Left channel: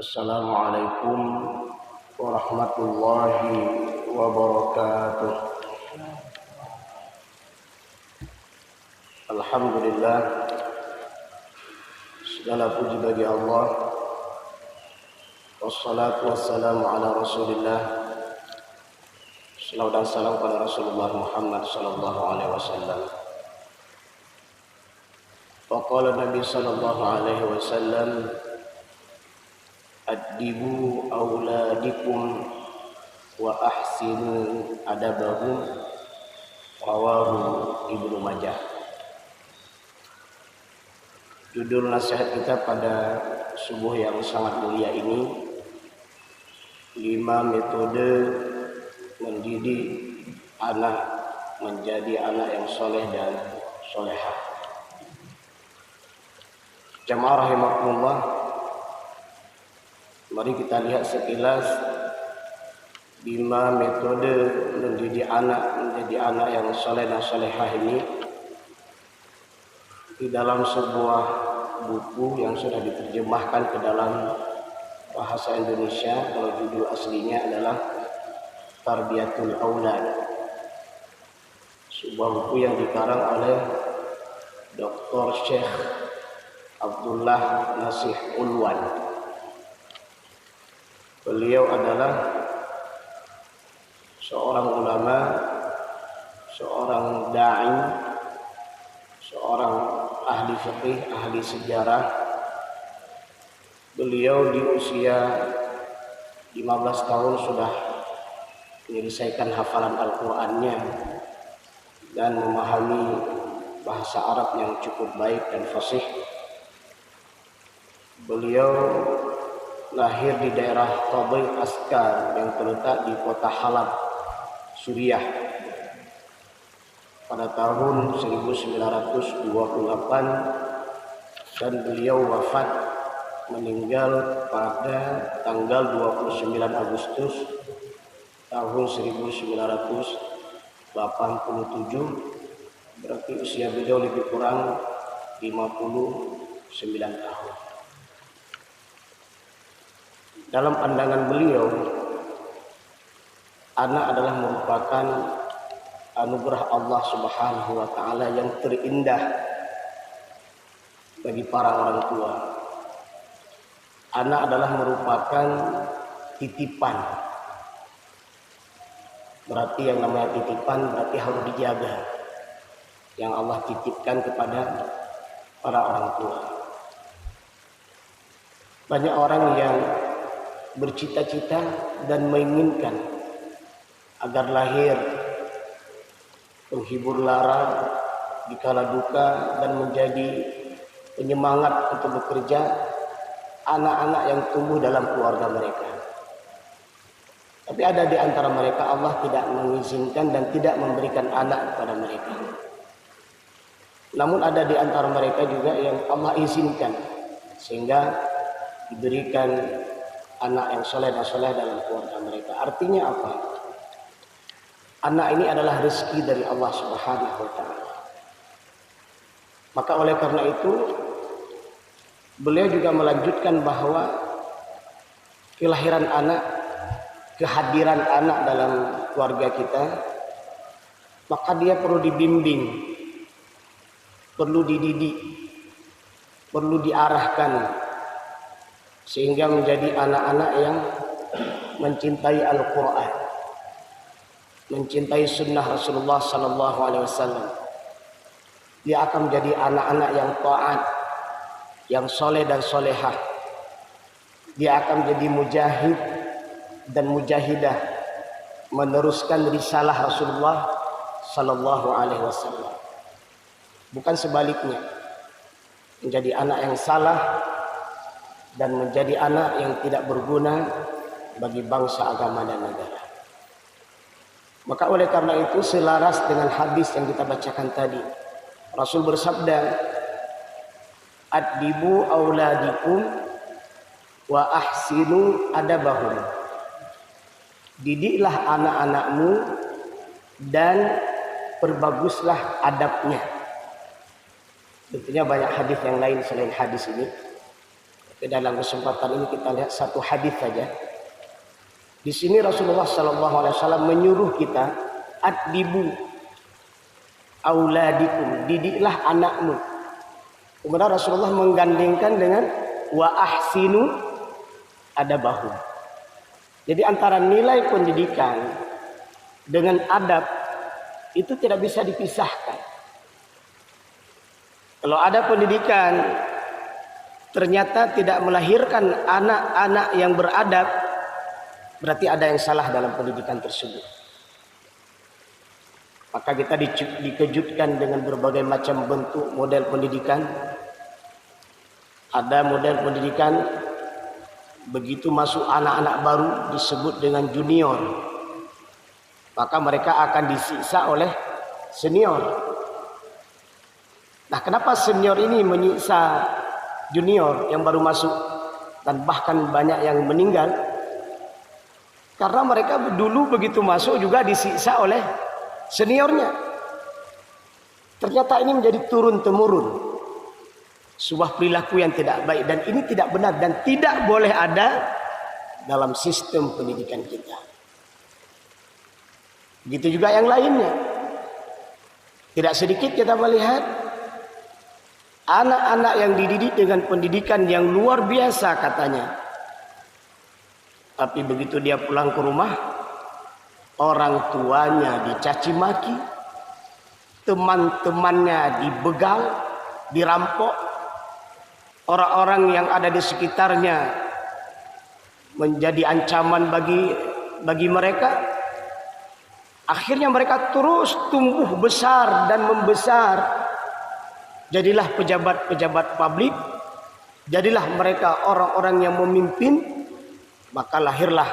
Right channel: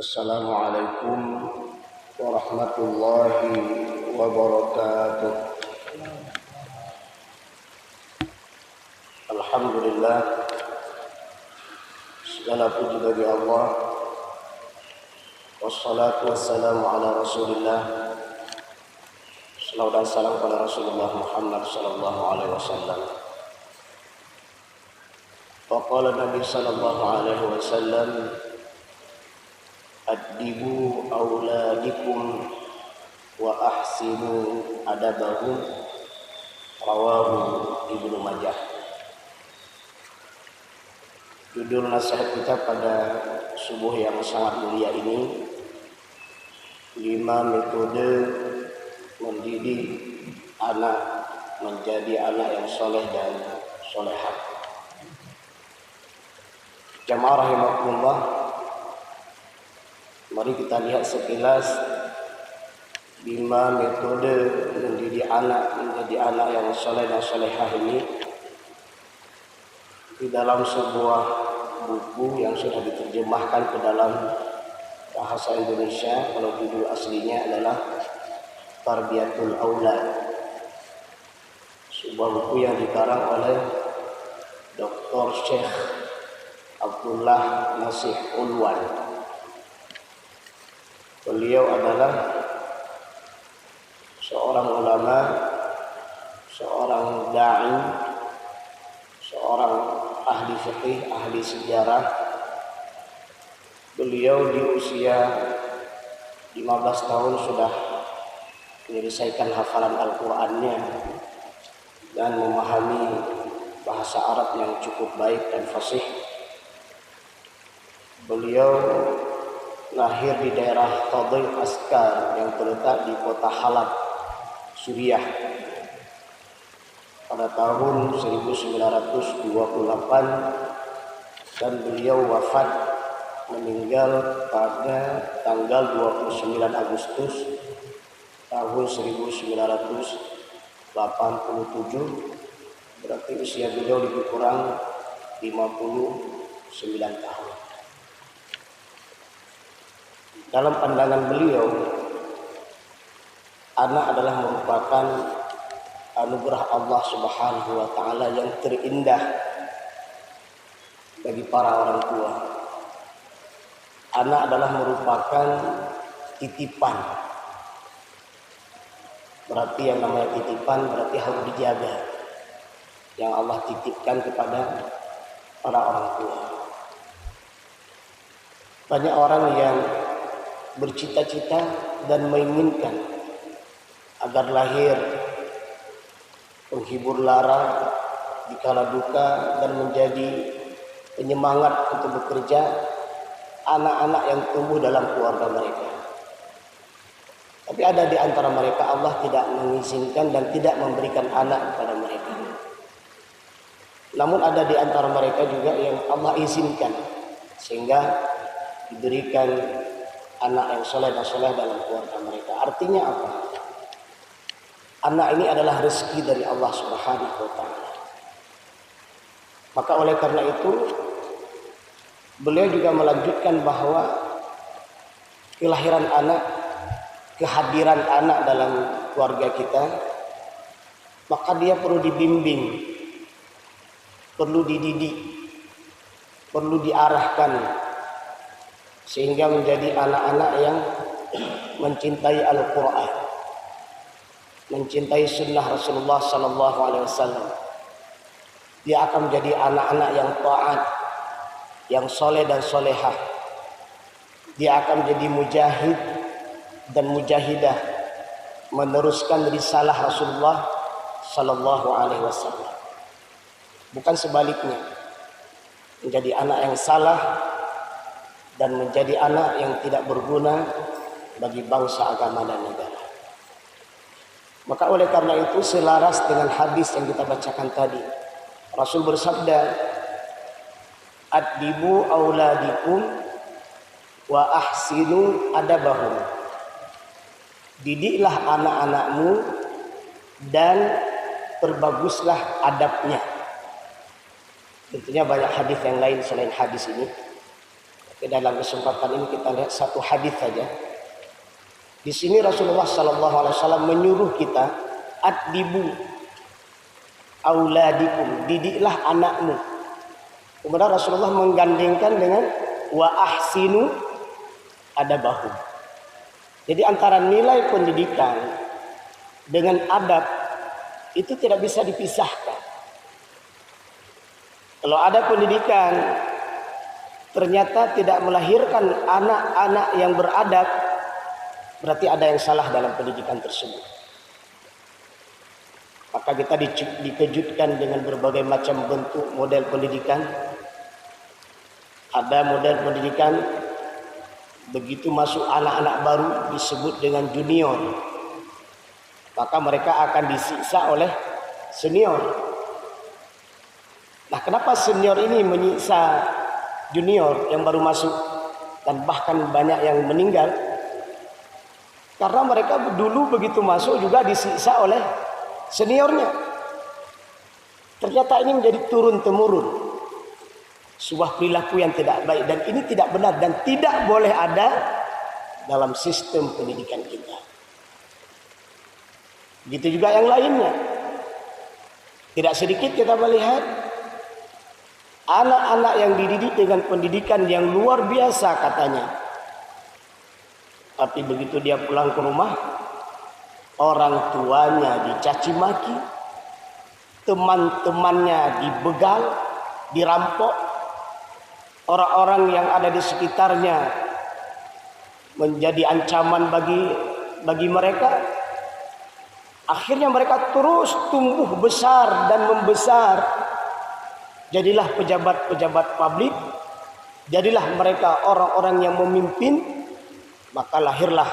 Assalamualaikum warahmatullahi wabarakatuh. Alhamdulillah, segala puji bagi Allah. Wassalatu wassalamu ala Rasulillah. Salawat dan salam kepada Rasulullah Muhammad sallallahu alaihi wasallam. Wa qala Nabi sallallahu alaihi wasallam, addibu auladikum wa ahsinu adabahum, rawahu Ibnu Majah. Judul nasihat kita pada subuh yang sangat mulia ini, 5 metode mendidik anak menjadi anak yang soleh dan solehah. Jamaah rahimakumullah, mari kita lihat sekilas 5 metode mendidik anak menjadi anak yang soleh dan solehah ini di dalam sebuah buku yang sudah diterjemahkan ke dalam bahasa Indonesia. Kalau judul aslinya adalah Tarbiyatul Aulad, sebuah buku yang dikarang oleh Dr. Syekh Abdullah Nasih Ulwan. Beliau adalah seorang ulama, seorang da'i, seorang ahli fikih, ahli sejarah. Beliau di usia 15 tahun sudah menyelesaikan hafalan Al-Qur'annya dan memahami bahasa Arab yang cukup baik dan fasih. Beliau lahir di daerah Fadil Askar yang terletak di kota Halab, Suriah pada tahun 1928, dan beliau wafat meninggal pada tanggal 29 Agustus tahun 1987. Berarti usia beliau lebih kurang 59 tahun. Dalam pandangan beliau, anak adalah merupakan anugerah Allah Subhanahu wa taala yang terindah bagi para orang tua. Anak adalah merupakan titipan. Berarti yang namanya titipan berarti harus dijaga, yang Allah titipkan kepada para orang tua. Banyak orang yang bercita-cita dan menginginkan agar lahir penghibur lara di kala duka dan menjadi penyemangat untuk bekerja anak-anak yang tumbuh dalam keluarga mereka. Tapi ada di antara mereka Allah tidak mengizinkan dan tidak memberikan anak kepada mereka. Namun ada di antara mereka juga yang Allah izinkan sehingga diberikan anak yang soleh dan soleh dalam keluarga mereka. Artinya apa? Anak ini adalah rezeki dari Allah Subhanahu wa taala. Maka oleh karena itu beliau juga melanjutkan bahwa kelahiran anak, kehadiran anak dalam keluarga kita, maka dia perlu dibimbing, perlu dididik, perlu diarahkan sehingga menjadi anak-anak yang mencintai Al-Quran, mencintai sunnah Rasulullah sallallahu alaihi wasallam. Dia akan menjadi anak-anak yang taat, yang soleh dan solehah. Dia akan menjadi mujahid dan mujahidah, meneruskan risalah Rasulullah sallallahu alaihi wasallam. Bukan sebaliknya, menjadi anak yang salah dan menjadi anak yang tidak berguna bagi bangsa, agama dan negara. Maka oleh karena itu selaras dengan hadis yang kita bacakan tadi, Rasul bersabda, addibu auladikum wa ahsinu adabahum. Didiklah anak-anakmu dan perbaguslah adabnya. Tentunya banyak hadis yang lain selain hadis ini. Dalam kesempatan ini kita lihat satu hadis saja. Di sini Rasulullah SAW menyuruh kita, addibu auladikum, didiklah anakmu. Kemudian Rasulullah menggandengkan dengan wa ahsinu adabahum. Jadi antara nilai pendidikan dengan adab itu tidak bisa dipisahkan. Kalau ada pendidikan ternyata tidak melahirkan anak-anak yang beradab, berarti ada yang salah dalam pendidikan tersebut. Maka kita dikejutkan dengan berbagai macam bentuk model pendidikan. Ada model pendidikan begitu masuk anak-anak baru disebut dengan junior, maka mereka akan disiksa oleh senior. Nah, kenapa senior ini menyiksa junior yang baru masuk dan bahkan banyak yang meninggal? Karena mereka dulu begitu masuk juga disiksa oleh seniornya. Ternyata ini menjadi turun-temurun sebuah perilaku yang tidak baik, dan ini tidak benar dan tidak boleh ada dalam sistem pendidikan kita. Begitu juga yang lainnya. Tidak sedikit kita melihat anak-anak yang dididik dengan pendidikan yang luar biasa katanya, tapi begitu dia pulang ke rumah, orang tuanya dicaci maki, teman-temannya dibegal, dirampok, orang-orang yang ada di sekitarnya menjadi ancaman bagi mereka. Akhirnya mereka terus tumbuh besar dan membesar. Jadilah pejabat-pejabat publik, jadilah mereka orang-orang yang memimpin, maka lahirlah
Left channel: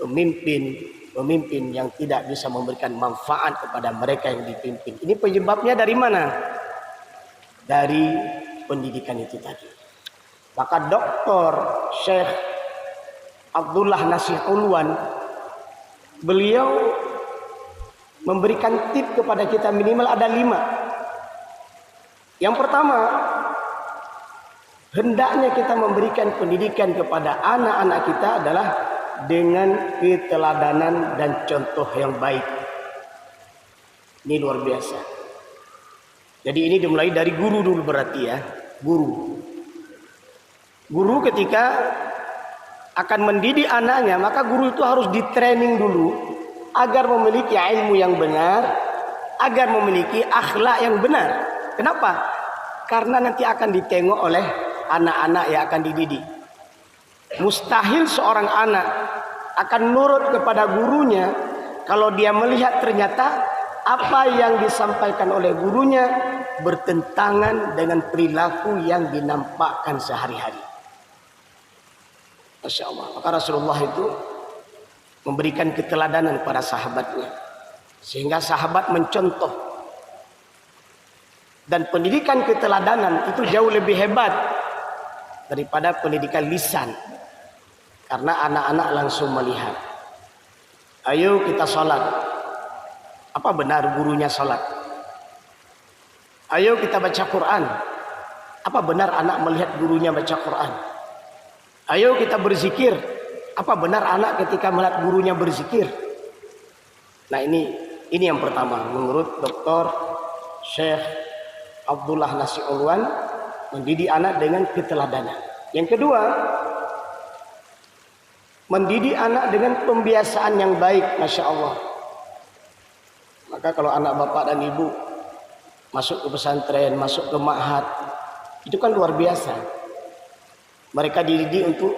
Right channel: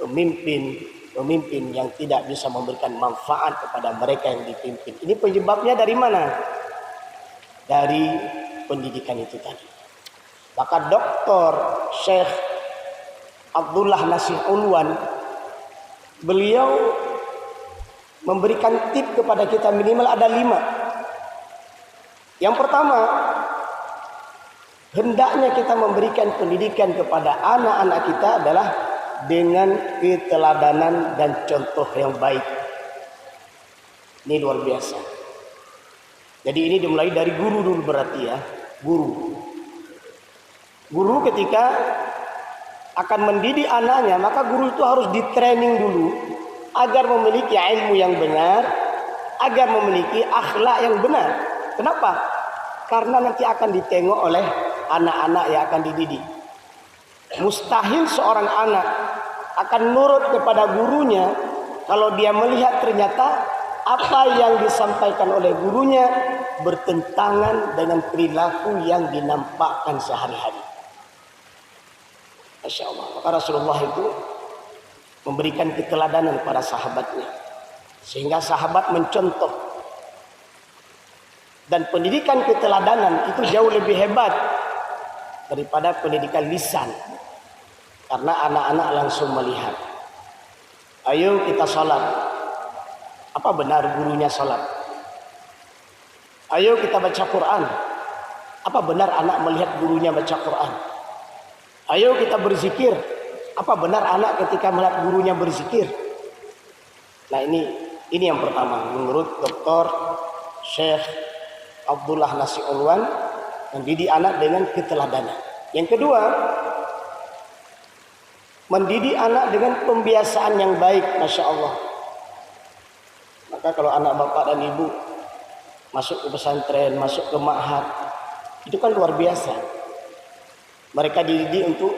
pemimpin yang tidak bisa memberikan manfaat kepada mereka yang dipimpin. Ini penyebabnya dari mana? Dari pendidikan itu tadi. Maka Dr. Syekh Abdullah Nasih Unwan, beliau memberikan tip kepada kita minimal ada 5. Yang pertama, hendaknya kita memberikan pendidikan kepada anak-anak kita adalah dengan keteladanan dan contoh yang baik. Ini luar biasa. Jadi ini dimulai dari guru dulu berarti ya. Guru ketika akan mendidik anaknya, maka guru itu harus di-training dulu agar memiliki ilmu yang benar, agar memiliki akhlak yang benar. Kenapa? Karena nanti akan ditengok oleh anak-anak yang akan dididik. Mustahil seorang anak akan nurut kepada gurunya kalau dia melihat ternyata apa yang disampaikan oleh gurunya bertentangan dengan perilaku yang dinampakkan sehari-hari. Masya Allah. Maka Rasulullah itu memberikan keteladanan kepada sahabatnya, sehingga sahabat mencontoh. Dan pendidikan keteladanan itu jauh lebih hebat daripada pendidikan lisan. Karena anak-anak langsung melihat. Ayo kita sholat. Apa benar gurunya sholat? Ayo kita baca Quran. Apa benar anak melihat gurunya baca Quran? Ayo kita berzikir. Apa benar anak ketika melihat gurunya berzikir? Nah ini yang pertama menurut Dr. Syekh Abdullah Nasih Unwan, mendidik anak dengan keteladanan. Yang kedua, mendidik anak dengan pembiasaan yang baik. Masya Allah. Maka kalau anak bapak dan ibu masuk ke pesantren, masuk ke ma'had, itu kan luar biasa. Mereka dididik untuk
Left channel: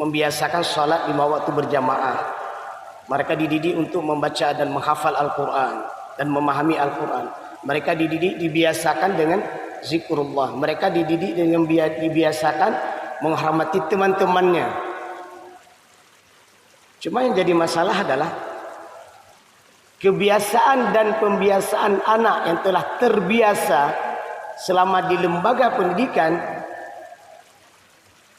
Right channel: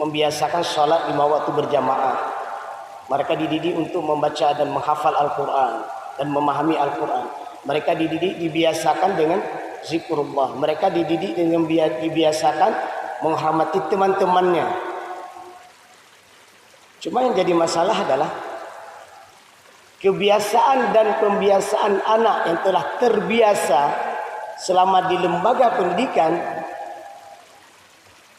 membiasakan sholat 5 waktu berjamaah. Mereka dididik untuk membaca dan menghafal Al-Quran dan memahami Al-Quran. Mereka dididik dibiasakan dengan zikrullah. Mereka dididik dengan dibiasakan menghormati teman-temannya. Cuma yang jadi masalah adalah kebiasaan dan pembiasaan anak yang telah terbiasa selama di lembaga pendidikan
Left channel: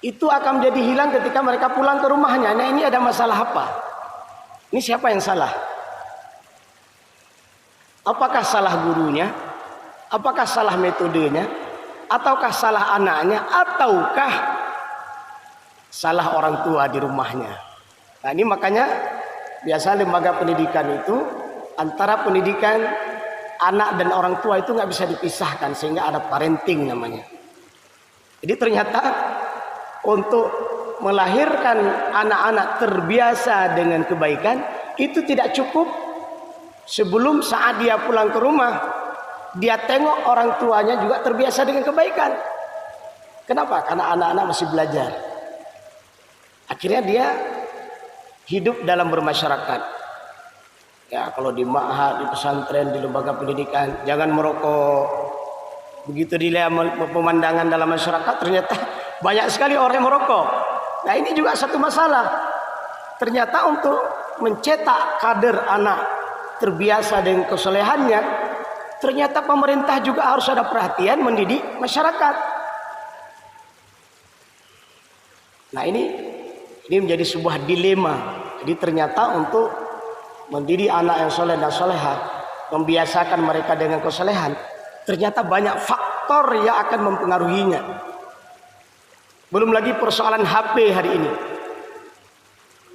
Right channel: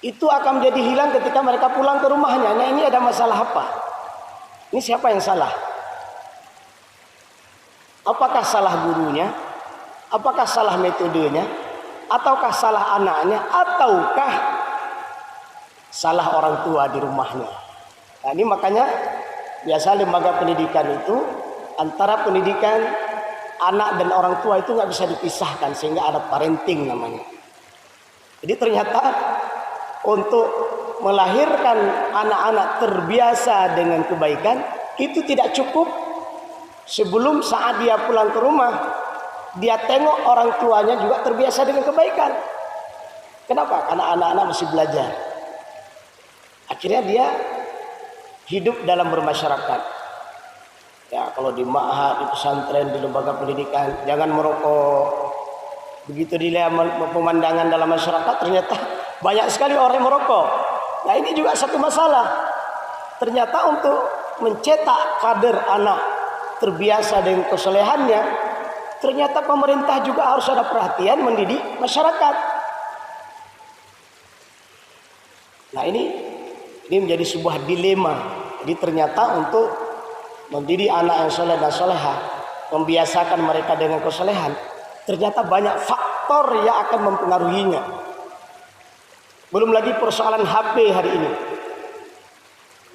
itu akan menjadi hilang ketika mereka pulang ke rumahnya. Nah, ini ada masalah apa? Ini siapa yang salah? Apakah salah gurunya? Apakah salah metodenya? ataukah salah anaknya, ataukah salah orang tua di rumahnya. Nah ini makanya biasa lembaga pendidikan itu antara pendidikan anak dan orang tua itu nggak bisa dipisahkan, sehingga ada parenting namanya. Jadi ternyata untuk melahirkan anak-anak terbiasa dengan kebaikan itu tidak cukup sebelum saat dia pulang ke rumah dia tengok orang tuanya juga terbiasa dengan kebaikan. Kenapa? Karena anak-anak masih belajar. Akhirnya dia hidup dalam bermasyarakat. Ya, kalau di ma'had, di pesantren, di lembaga pendidikan, jangan merokok. Begitu dilihat pemandangan dalam masyarakat, ternyata banyak sekali orang yang merokok. Nah ini juga satu masalah. Ternyata untuk mencetak kader anak terbiasa dengan kesolehannya, ternyata pemerintah juga harus ada perhatian mendidik masyarakat. Nah ini menjadi sebuah dilema. Jadi ternyata untuk mendidik anak yang soleh dan soleha, membiasakan mereka dengan kesolehan, ternyata banyak faktor yang akan mempengaruhinya. Belum lagi persoalan HP hari ini,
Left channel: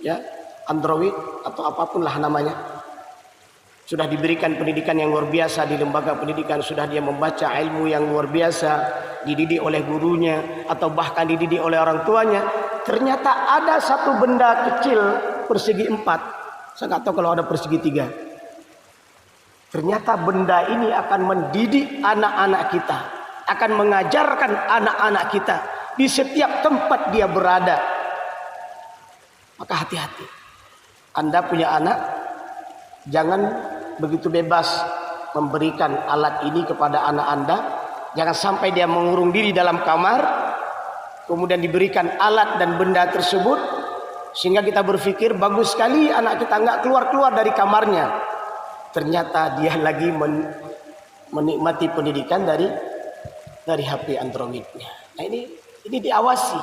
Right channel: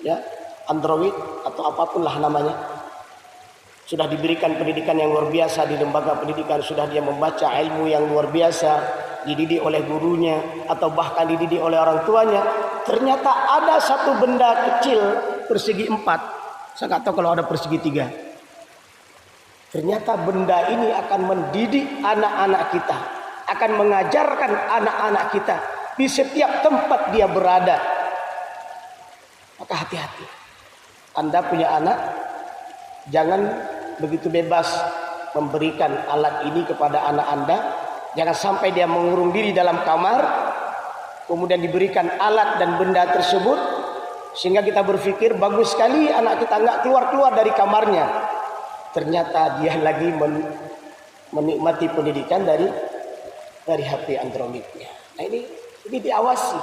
ya, Android atau apapun lah namanya, sudah diberikan pendidikan yang luar biasa di lembaga pendidikan, sudah dia membaca ilmu yang luar biasa, dididik oleh gurunya atau bahkan dididik oleh orang tuanya. Ternyata ada satu benda kecil persegi 4, saya nggak tahu kalau ada persegi 3. Ternyata benda ini akan mendidik anak-anak kita, akan mengajarkan anak-anak kita di setiap tempat dia berada. Maka hati-hati. Anda punya anak, jangan begitu bebas memberikan alat ini kepada anak Anda. Jangan sampai dia mengurung diri dalam kamar, kemudian diberikan alat dan benda tersebut, sehingga kita berpikir bagus sekali anak kita nggak keluar-keluar dari kamarnya. Ternyata dia lagi menikmati pendidikan dari HP Androidnya. Nah ini diawasi.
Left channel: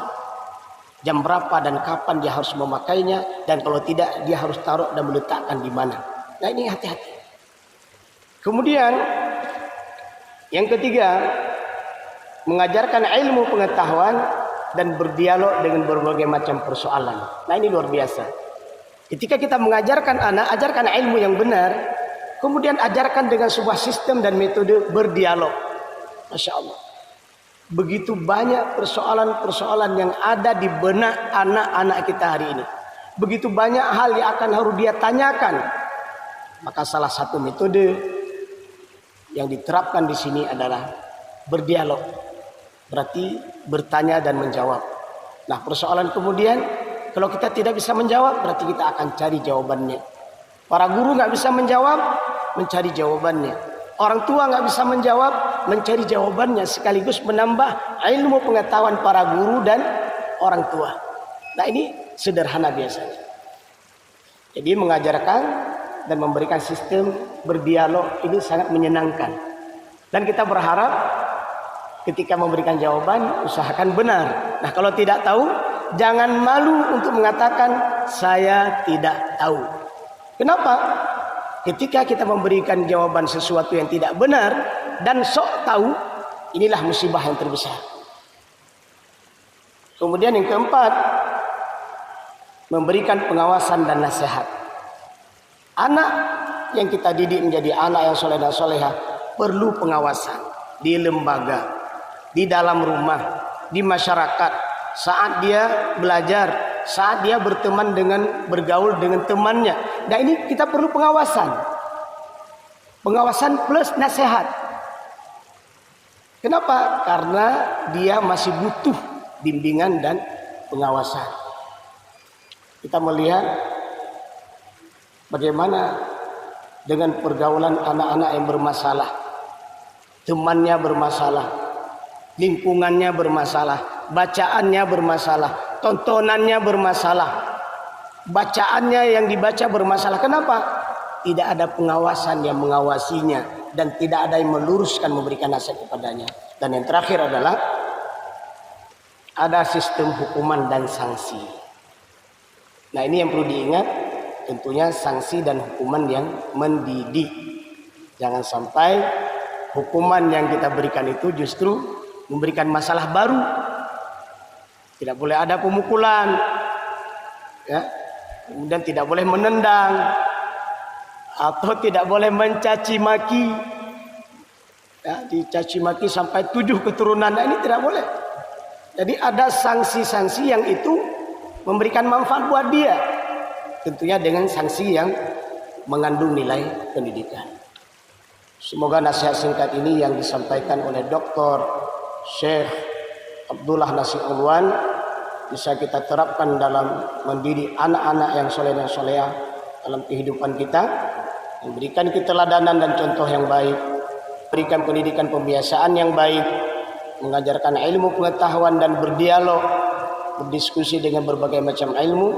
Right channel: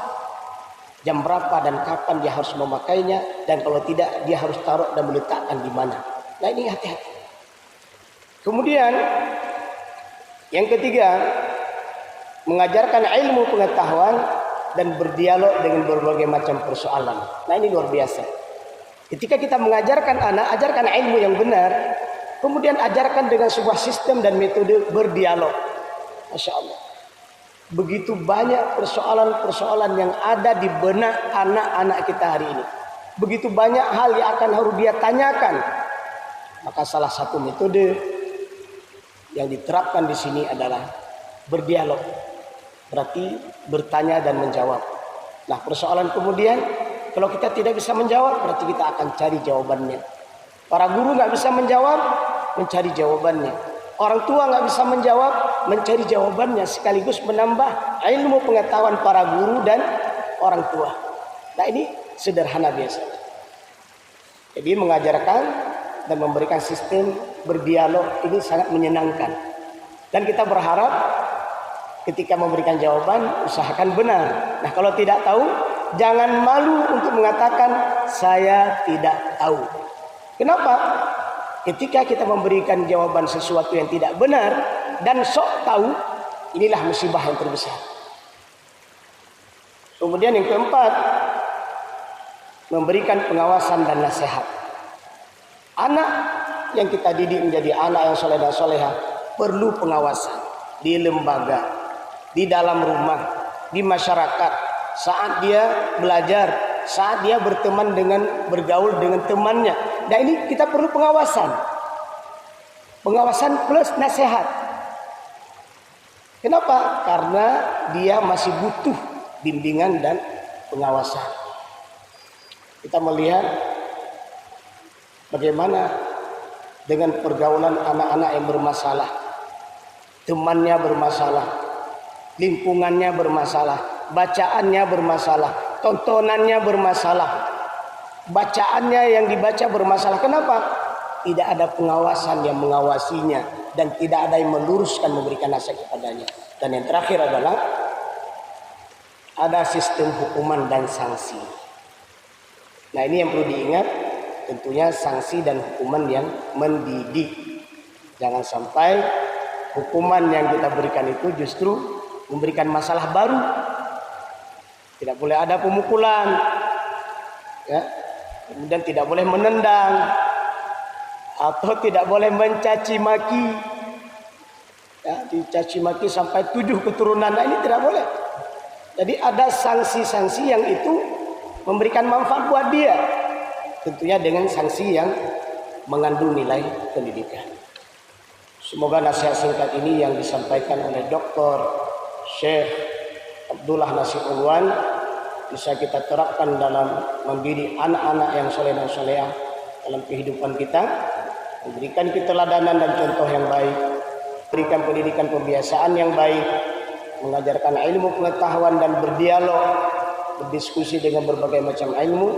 Jam berapa dan kapan dia harus memakainya, dan kalau tidak dia harus taruh dan meletakkan di mana. Nah ini hati-hati. Kemudian yang ketiga, mengajarkan ilmu pengetahuan dan berdialog dengan berbagai macam persoalan. Nah ini luar biasa. Ketika kita mengajarkan anak, ajarkan ilmu yang benar, kemudian ajarkan dengan sebuah sistem dan metode berdialog. Masya Allah. Begitu banyak persoalan-persoalan yang ada di benak anak-anak kita hari ini. Begitu banyak hal yang akan harus dia tanyakan. Maka salah satu metode yang diterapkan di sini adalah berdialog. Berarti bertanya dan menjawab. Nah persoalan kemudian, kalau kita tidak bisa menjawab, berarti kita akan cari jawabannya. Para guru nggak bisa menjawab, mencari jawabannya. Orang tua nggak bisa menjawab, mencari jawabannya, sekaligus menambah ilmu pengetahuan para guru dan orang tua. Nah ini sederhana biasa. Jadi mengajarkan dan memberikan sistem berdialog ini sangat menyenangkan. Dan kita berharap ketika memberikan jawaban, usahakan benar. Nah kalau tidak tahu, jangan malu untuk mengatakan saya tidak tahu. Kenapa? Ketika kita memberikan jawaban sesuatu yang tidak benar dan sok tahu, inilah musibah yang terbesar. Kemudian yang keempat, memberikan pengawasan dan nasihat. Anak yang kita didik menjadi anak yang soleh dan soleha perlu pengawasan di lembaga, di dalam rumah, di masyarakat, saat dia belajar, saat dia berteman dengan bergaul dengan temannya. Dan ini kita perlu pengawasan. Pengawasan plus nasihat. Kenapa? Karena dia masih butuh bimbingan dan pengawasan. Kita melihat bagaimana dengan pergaulan anak-anak yang bermasalah. Temannya bermasalah, lingkungannya bermasalah, bacaannya bermasalah, tontonannya bermasalah, bacaannya yang dibaca bermasalah. Kenapa? Tidak ada pengawasan yang mengawasinya dan tidak ada yang meluruskan, memberikan nasihat kepadanya. Dan yang terakhir adalah ada sistem hukuman dan sanksi. Nah ini yang perlu diingat, tentunya sanksi dan hukuman yang mendidik. Jangan sampai hukuman yang kita berikan itu justru memberikan masalah baru. Tidak boleh ada pemukulan, ya. Kemudian tidak boleh menendang atau tidak boleh mencaci maki, ya, dicaci maki sampai 7 keturunan. Nah, ini tidak boleh. Jadi ada sanksi-sanksi yang itu memberikan manfaat buat dia, tentunya dengan sanksi yang mengandung nilai pendidikan. Semoga nasihat singkat ini yang disampaikan oleh Dr. Syekh Abdullah Nasir Ulwan bisa kita terapkan dalam mendidik anak-anak yang soleh dan solehah dalam kehidupan kita, memberikan keteladanan dan contoh yang baik, berikan pendidikan pembiasaan yang baik, mengajarkan ilmu pengetahuan dan berdialog, berdiskusi dengan berbagai macam ilmu,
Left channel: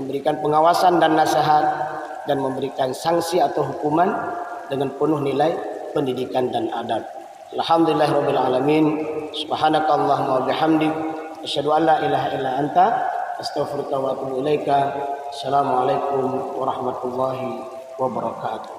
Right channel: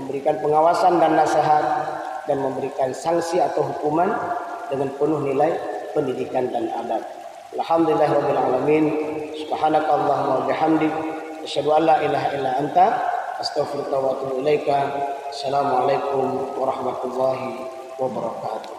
memberikan pengawasan dan nasihat, dan memberikan sanksi atau hukuman dengan penuh nilai pendidikan dan adab. Alhamdulillahirabbil alamin. Subhanakallahumma wa bihamdik asyhadu an la ilaha illa anta astaghfiruka wa atubu ilaika. Assalamualaikum warahmatullahi wabarakatuh.